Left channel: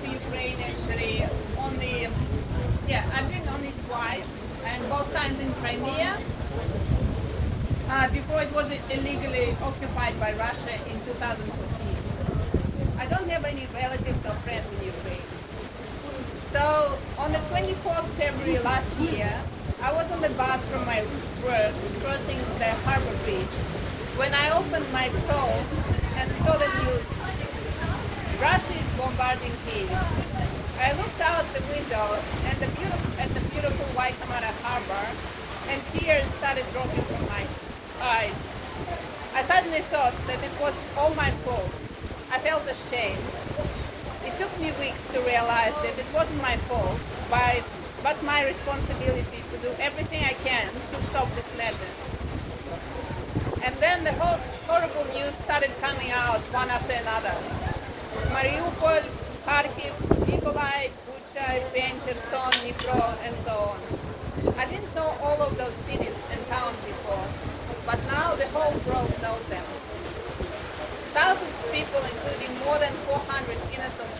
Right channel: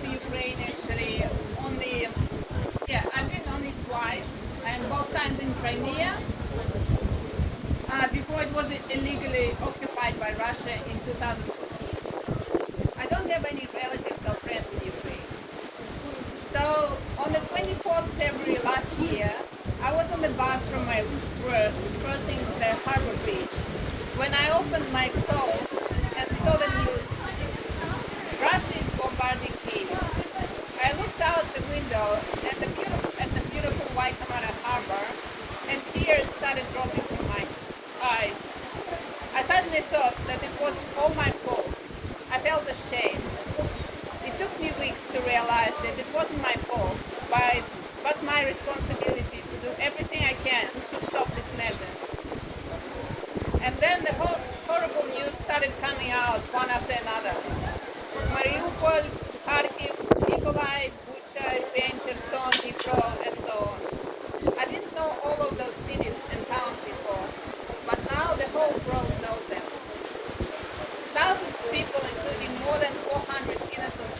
to Ukraine actually only, yeah, I've been only twice, and both times in Crimea, before it was illegally occupied by Russia in 2014. I don't have any relatives or friends in Ukraine. So on the 24th February last year, I was on the bus from my work crossing the harbor bridge when I opened my phone and saw the news. Russia is bombarding Kyiv. I looked out the window at the beautiful Waikimata harbor, and tears started dropping from my eyes. I suddenly thought that it was all my fault. I felt ashamed. It took me weeks to realize that it wasn't my fault, but my responsibility to do everything I can to stop this madness. And then the whole horrible news started coming out one after another. Mariupol, Kharkiv, Mykolaiv, Bucha, Irpin, Kherson, Dnipro, and so on. I didn't know all of those cities and towns before, but now the whole world knows them. Thousands of people, including more than 400 innocent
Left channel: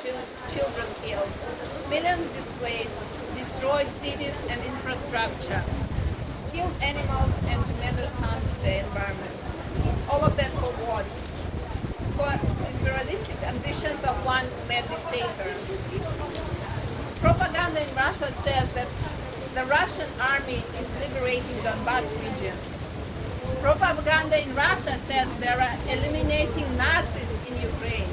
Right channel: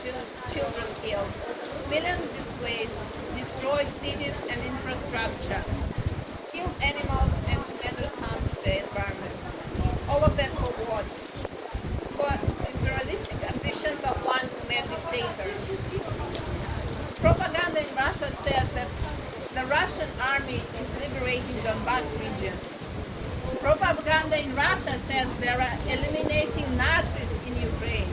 children killed, millions displaced, destroyed cities and infrastructure, killed animals and tremendous harm to the environment. All of that for what? For imperialistic ambitions of one mad dictator. Propaganda in Russia says that the Russian army is liberating Donbas region. Propaganda in Russia says they are eliminating Nazis in Ukraine.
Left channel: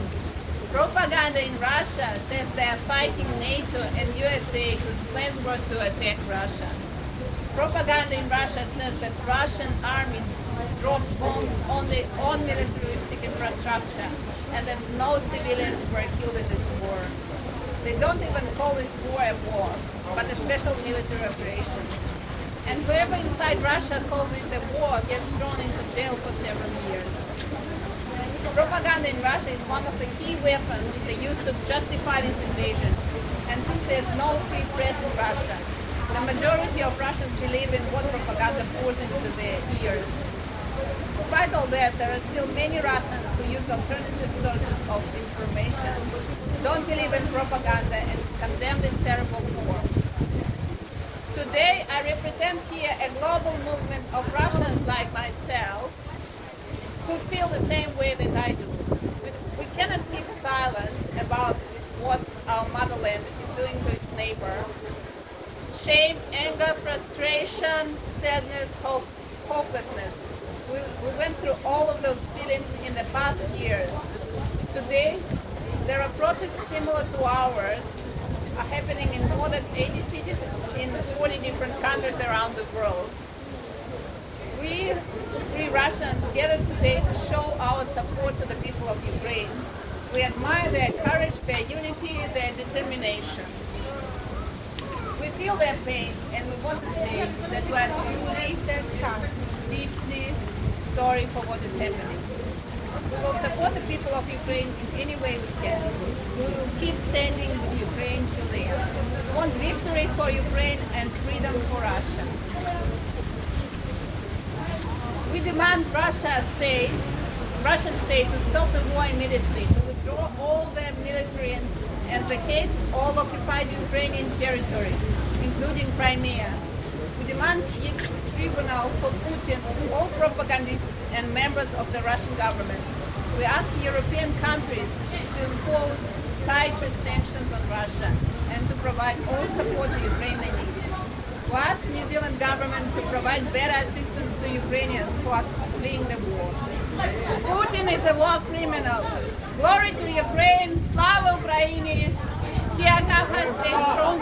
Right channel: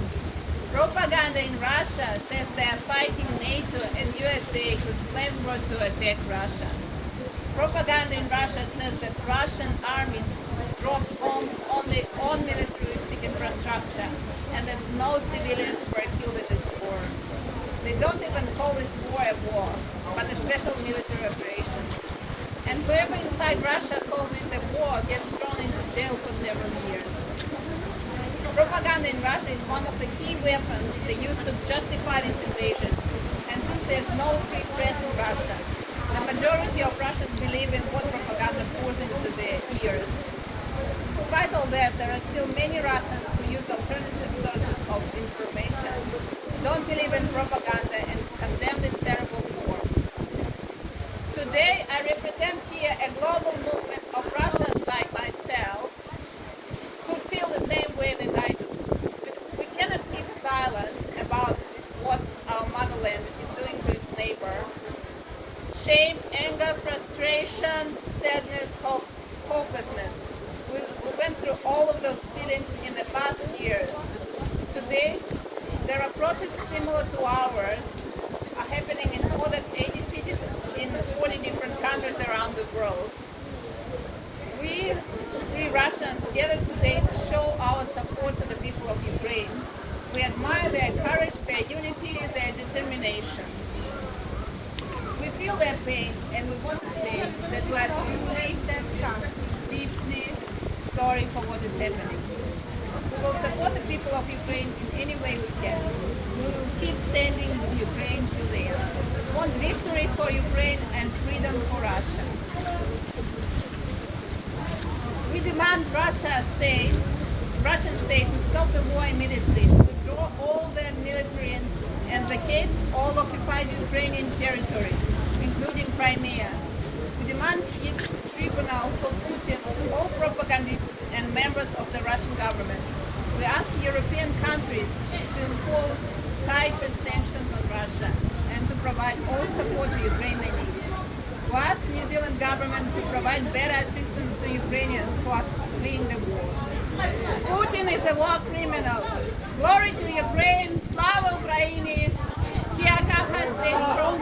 Propaganda in Russia says they are fighting NATO and USA to claim war to attack Russia. Propaganda in Russia says that Russian army dropped bombs only on military infrastructure and that no civilians were killed in this war. They don't even call this war a war, but a special military operation. And whoever inside Russia calls it a war gets thrown into jail for several years. Propaganda in Russia is one of the key weapons they use to justify this invasion. And since there's no free press in Russia, the majority of Russians believe in what propaganda pours into their ears. Despite all that, there are still many Russians who use alternative sources of information, don't believe in propaganda, and condemn this terrible war. Today, I represent here a global movement of Russians like myself who feel the same way that I do. We cannot keep silent about what our motherland is doing to its neighbor. Shame, anger, frustration, sadness, hopelessness. We went through all of those feelings in the past years. Today, there are protests similar to ours are happening in more than 80 cities in 40 different countries around the world. We, Free Russians, gathered today to show our support to the people of Ukraine. We admire their courage, their unity, their determination. We feel their pain, and we want to say that we are deeply sorry for what is happening. We will support the people of Ukraine in any way we can. We will keep standing with Ukraine till the end. We want victory for Ukraine and freedom for Russia. We demand Russian state to stop the war immediately, to withdraw all their military and vacate all occupied Ukrainian territory, including Crimea. We demand tribunal for Putin, all propagandists and members of the Russian government. We ask European countries to impose tighter sanctions on Russia and to provide all support to Ukraine they need. We ask New Zealand government to provide better assistance to Ukrainians who are fleeing the war. Putin is a war criminal. Glory to Ukraine, Slava Ukraini, Kiakaha, stay strong.